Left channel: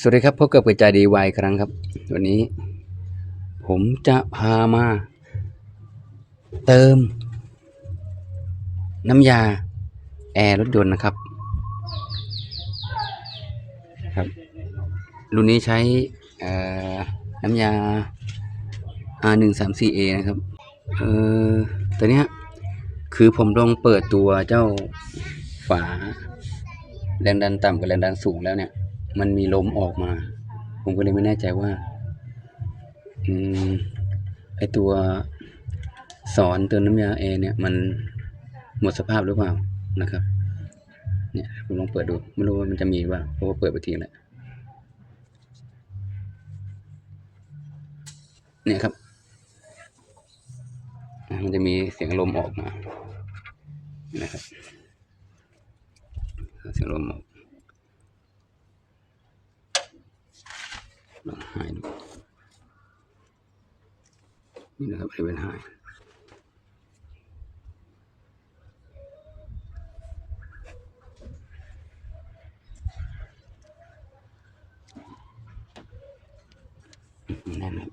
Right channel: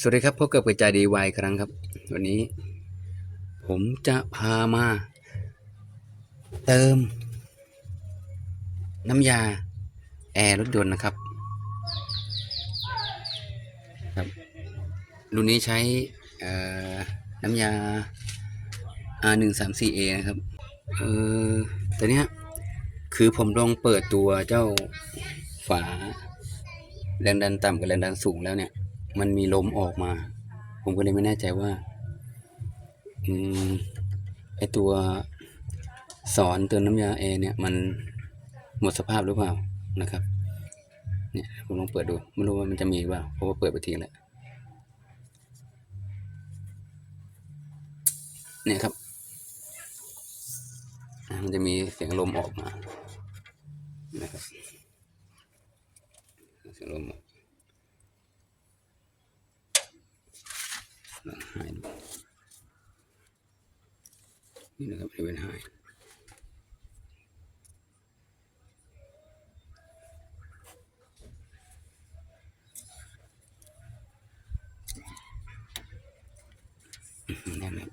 สวัสดีครับพบกับกระจายดีวายครั้งครับ วันนี้ ผมจะพามา เติม น้ำยา แอร์รถยนต์นะครับ ครับ รุ่นนี้ใช้น้ำยา R134A นะครับเออตัวเนี้ยคือผมลองเปิดตัวเจ้าฝาแรงดันต่ำกับแรงดันสูงแล้วเนี่ย มันมีลมออกมา ผมก็เลยไม่แน่ใจว่าอืมไอตัวสอนเติมน้ำยาแอร์เนี่ยมันหมดสภาพหรือเปล่านะครับ เนี่ยผมลองเปิดดู ไม่รู้ว่ามันจะมีหรือเปล่าเพราะว่าเปิดไปทีแล้วเนี่ยครับ มันจะมีเสียงลมออกมานะครับเสียงลมออก ลอง หายดูนี่นะครับบริเวณหายนะครับ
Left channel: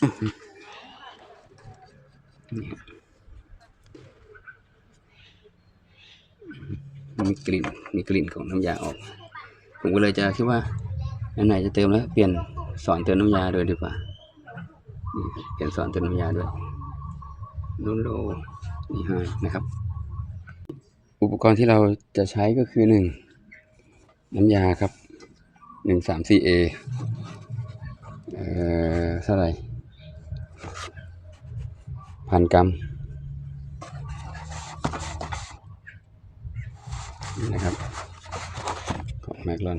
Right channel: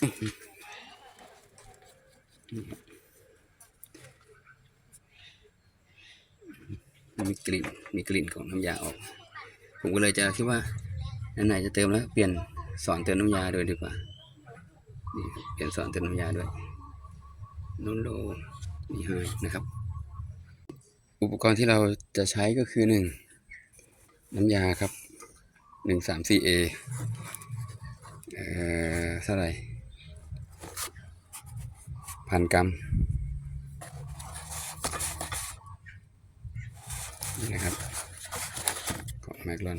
อื้อหือนี่ครับ มีกลิ่นมีกลิ่นของน้ำยาออก ผมก็เลยจะคิดว่าอันไหนจะเติมแล้วเปลี่ยนสอนเติมน้ำยาด้วยดีกว่านี่เปลี่ยนสอนเติมน้ำยาด้วยโนโลนี่ให้นะครับ อุปกรณ์ที่เราจะใช้ก็คือหนึ่งน้ำยาครับหนึ่งสามสี่เอเอ่อเท่าไหร่พันกรัม นะครับ ของแมกลอน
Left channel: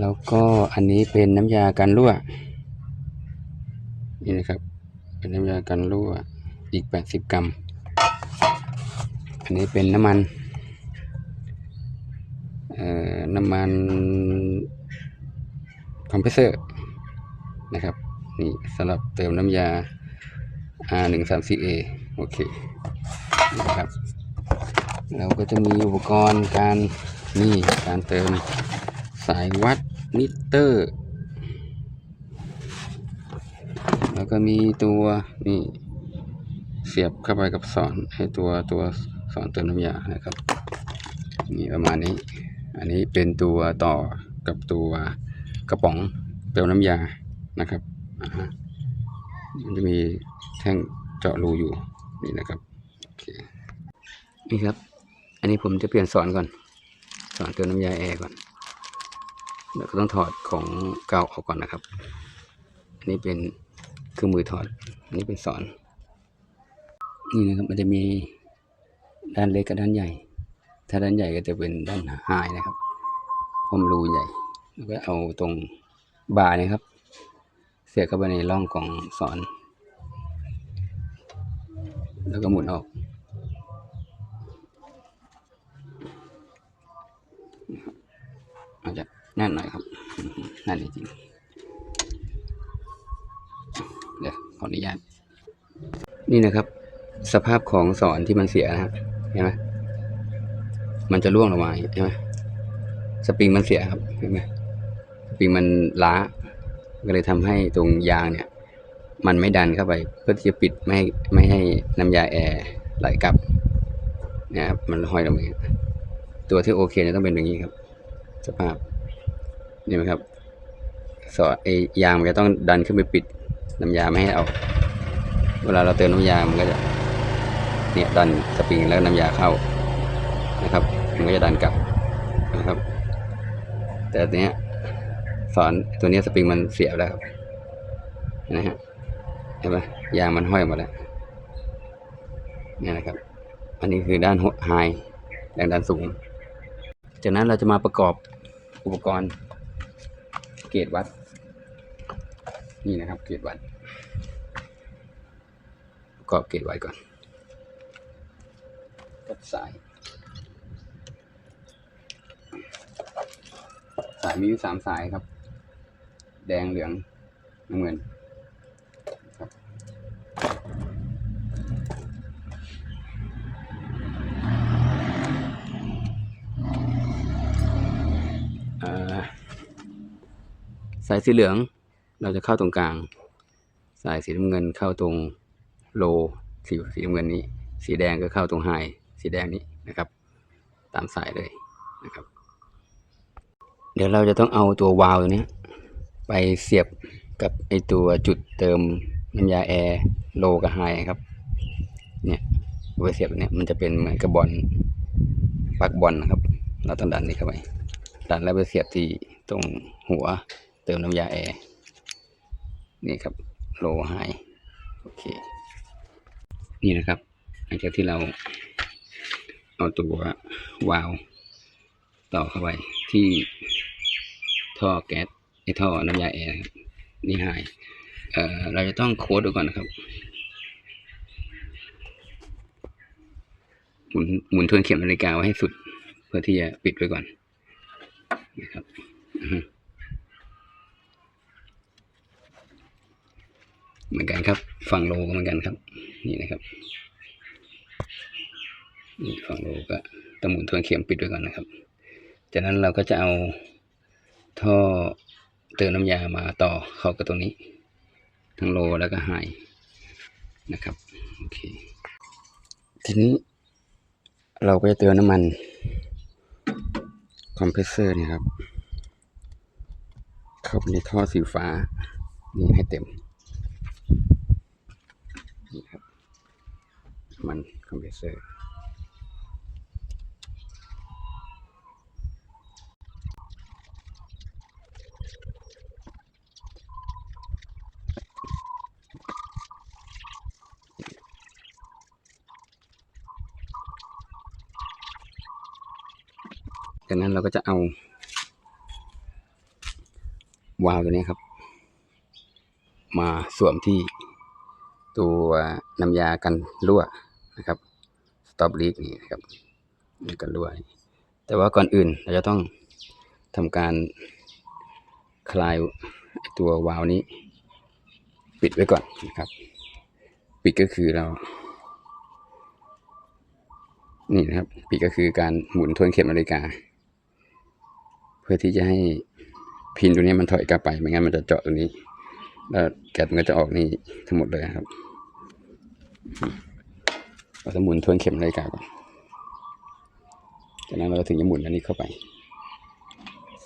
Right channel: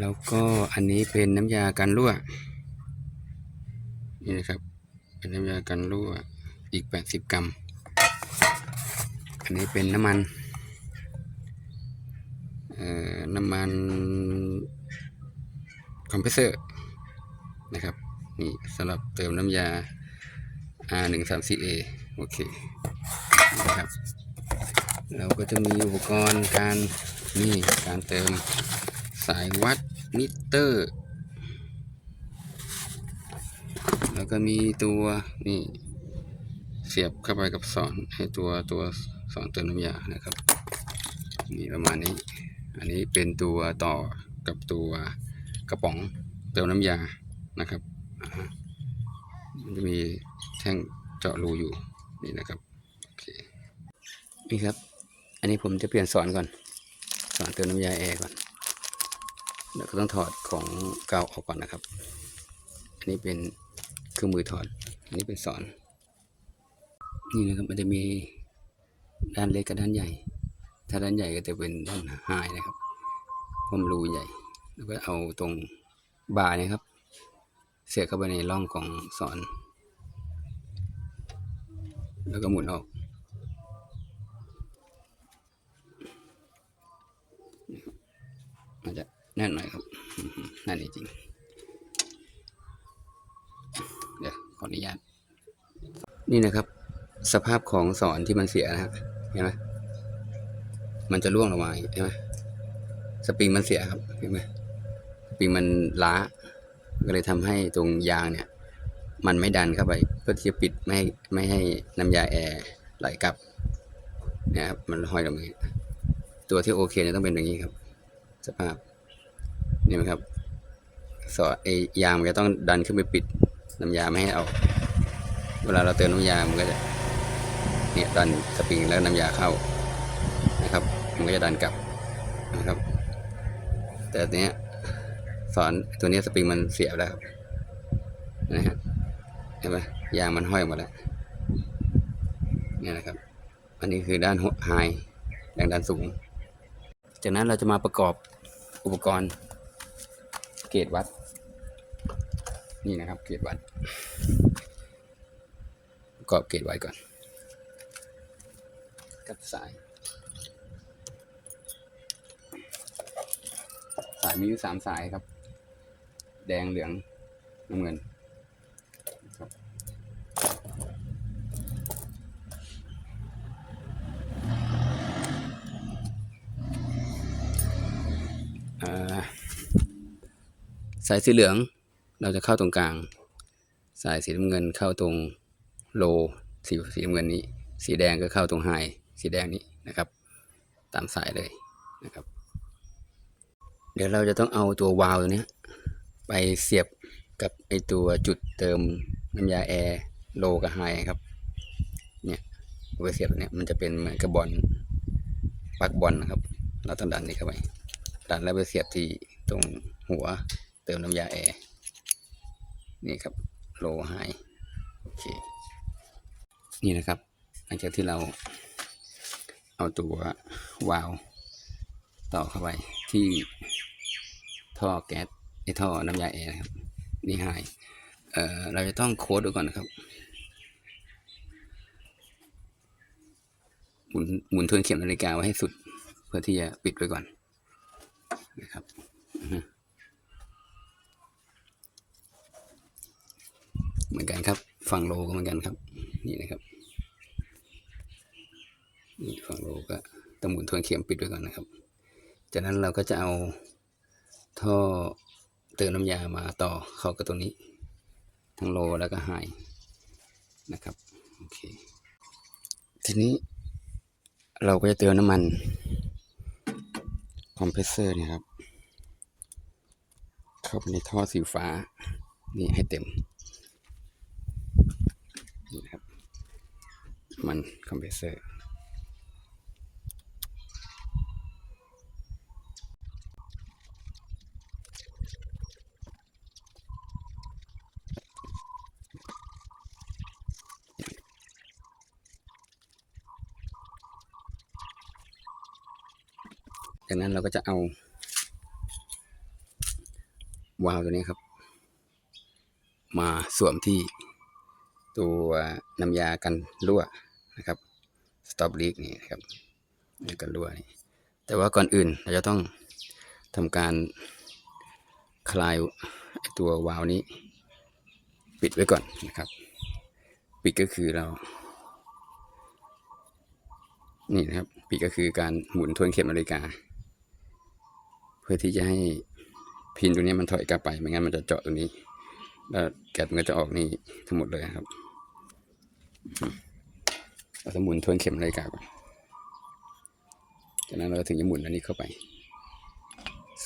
แล้วก็อันนี้เป็นน้ำยากันรั่ว นี่นะครับ เป็นน้ำยากันรั่วอีก 80 กรัม อันนี้เป็นน้ำมันน้ำมันคอมเพรสเซอร์นะครับ นี่สำหรับเติมน้ำยา R134A โอเคนะครับ เราก็จะมีอุปกรณ์การนี่การเติมสายวัดมิเตอร์ แล้วก็มีตัวนี่เสียบเข้าไปกับสอนให้ตัวตัวสอนเติมน้ำยานะครับนี่ประมาณนี้ อันนี้เป็นตัวต่อกับตัวกระป๋องเติมน้ำยานะครับอ่ามันจะมีแท่งเจาะรูอยู่นี่นะครับโอเคนี่ครับ อันนี้ผมจะเปลี่ยนสอนก่อน สอนเติมน้ำยาแอร์ก่อนเดี๋ยวก็ต้องถอดของเก่าออกก่อนนะครับ อันนี้เป็นเครื่องมือถอด อันนี้เป็นสอน นี่นะครับมันจะมีด้านเล็กกับด้านใหญ่ ถ้าด้านใหญ่ก็จะเป็นด้านไฮนะครับพรมรูใหญ่ แล้วก็เอาตรงบาร์นะครับ เสียบเข้าไปในร่องของสอน แล้วก็หมุนออก อาจจะ แน่นหน่อยครับแน่นจริงเดี๋ยวขออนุญาตนี่นะครับ สภาพของสอนที่มันเสียนะครับเห็นไหมมันจะร่วงลงมาเห็นไหมสปริงมันเสียครับเห็นไหมสปริงมันล้าก็เลยทำให้ตรงยางเนี่ย มันไม่ดันเข้าไป เพื่อที่จะปิดไม่ให้ไม่ให้น้ำยาแอร์ไหลกลับเนะครับมันห้อยลงมาตัวที่โอเคเนี่ยต้องเป็นอย่างนี้ครับ สภาพ นี่ไหมครับสอดไอยางมันจะต้องดันขึ้นไปปิดน้ำยาไม่ให้เอา เวลาเราเติมน้ำยามันก็จะเนี่ยดันสปริงแล้วน้ำยาเข้านะครับมันก็จะดันกลับนะครับ แต่ตัวเนี้ยสอนตัวเนี้ยสปริงมันเสียแล้วครับนะฮะเห็นไหมยางมันห้อยหมดแล้วนี่นะครับ อันนี้คือด้านไฮแรงดันสูง จากนั้นเราจะมาประกอบอุปกรณ์ เกจวัด นี่นะครับ เกจวัดประกอบเกจไว้ก่อน กับสาย สายมีอยู่สามสายครับ แดงเหลืองน้ำเงินครับายสีเหลือง เราจะเข้าตรงกลาง สายสีน้ำเงินเข้าตรงโลสีสีน้ำเงินนี้ สีแดงก็เข้าตรงไฮสีแดงนี้นะครับ ตามสายเลยนะครับ เดี๋ยวเราจะต้องเอาตัววาล์วตัวเนี้ยไปเสียบกับไอตัวจุดเติมน้ำยาแอร์โลกับไฮครับ เนี่ยตัวเสียบเนี่ยมันจะเป็นเหมือนกับบอลปลักบอลนะครับ เราต้องดันนี่เข้าไปดันแล้วไปเสียบที่ตรงหัว เติมน้ำยาแอร์นี่ครับโลไฮโอเคนี่นะครับ หลังจากที่เราเอาตัววาล์วต่อเข้าไปที่ท่อแก๊สไอท่อน้ำยาแอร์นะครับนี่ไฮเอ่อเราจะต้องโค้ดไว้ก่อนนะครับหมุนหมุนทวนเข็มนาฬิกาไว้ให้สุด เพื่อที่จะปิดไว้ก่อนนะครับอือฮึ เหมือนกันครับ ฝั่งโลก็เหมือนกันครับ นี่นะครับนี่ฝั่งโลก็ต้องหมุนทวนเข็มปิดไว้ก่อนนะครับ จากนั้นเราก็จะเอาท่อเติมน้ำยามาต่อเข้ากับตรงนี้ ทั้งโลแล้วก็ไฮนะครับโอเคทีนี้เราก็จะเติมน้ำมันคอมเพรสเซอร์นี่ครับ เข้าไปในท่อสีฟ้า นี่ให้เต็มนี่ครับน้ำ มันคอมเพรสเซอร์จากนั้นเราก็จะเอา วาล์วตัวนี้ครับ มาสวมที่ตัวน้ำยากันรั่ว นะครับ stop leak นี่นะครับนี่กันรั่วนี่แต่ว่าก่อนอื่นเราจะต้องทำการคลายตัววาล์วนี้ ปิดไว้ก่อนนะครับ ปิดก็คือเรา นี่นะครับ ปิดก็คือการหมุนทวนเข็มนาฬิกา เพื่อที่จะให้พินตัวนี้มันถอยกลับไปไม่งั้นมันจะเจาะตรงนี้ แล้วแก๊สมันก็จะออกนี่ทั้งหมดเลยครับ จะหมุนทวนเข็มนาฬิกาก่อนจากนั้นเราถึงจะหมุนอันนี้เข้าไป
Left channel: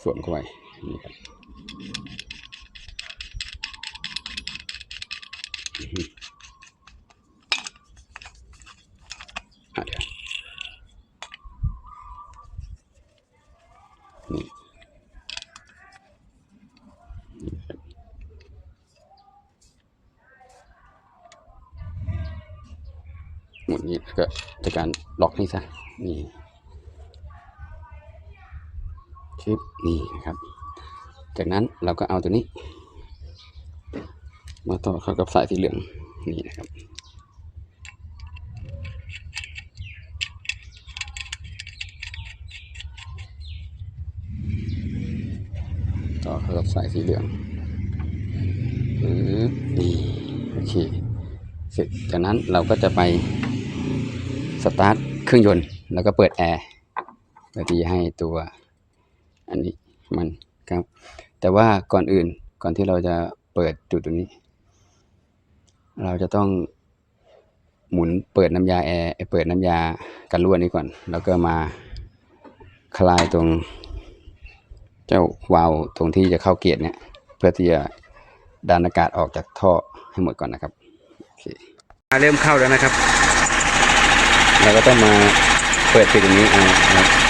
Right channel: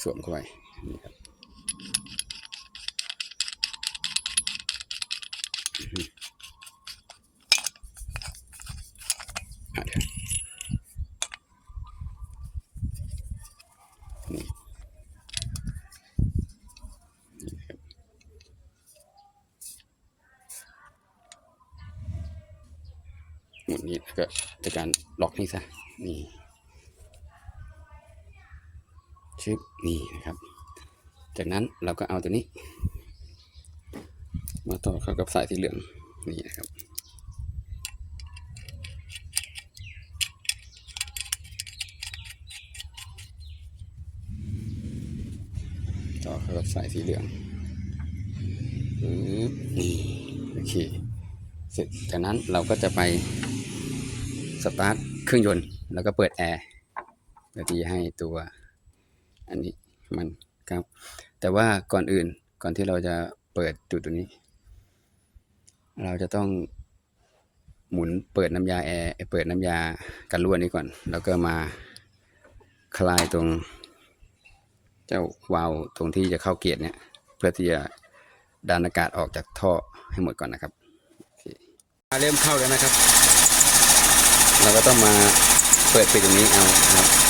สวมเข้าไปนี่ครับอือฮึอะเดี๋ยวนี่ ก็จะการล็อกนี่ซะนี่ชึบนี่นะครับ จากนั้นเราก็เอาตัวนี้ มาต่อเข้ากับสายสีเหลืองนี่นะครับต่อเข้ากับสายสีเหลืองนี่โอเคเสร็จจากนั้นเราก็จะไป สตาร์ทเครื่องยนต์ แล้วก็เปิดแอร์เพื่อที่จะให้ตัวอันนี้มันครับ แต่ว่าก่อนอื่นก่อนที่เราจะเปิดจุดตรงนี้ เราจะต้องหมุนเปิดน้ำยาแอร์เปิดน้ำยากันรั่วนี้ก่อน แล้วก็มาคลายตรงเจ้าวาล์วตรงที่จะเข้าเกียร์เนี่ย เพื่อที่จะดันอากาศออกจากท่อให้หมดก่อนนะครับโอเคเริ่มเข้าแล้วนะครับ เราก็ต้องมาเปิดปิดตรงนี้เอานะครับ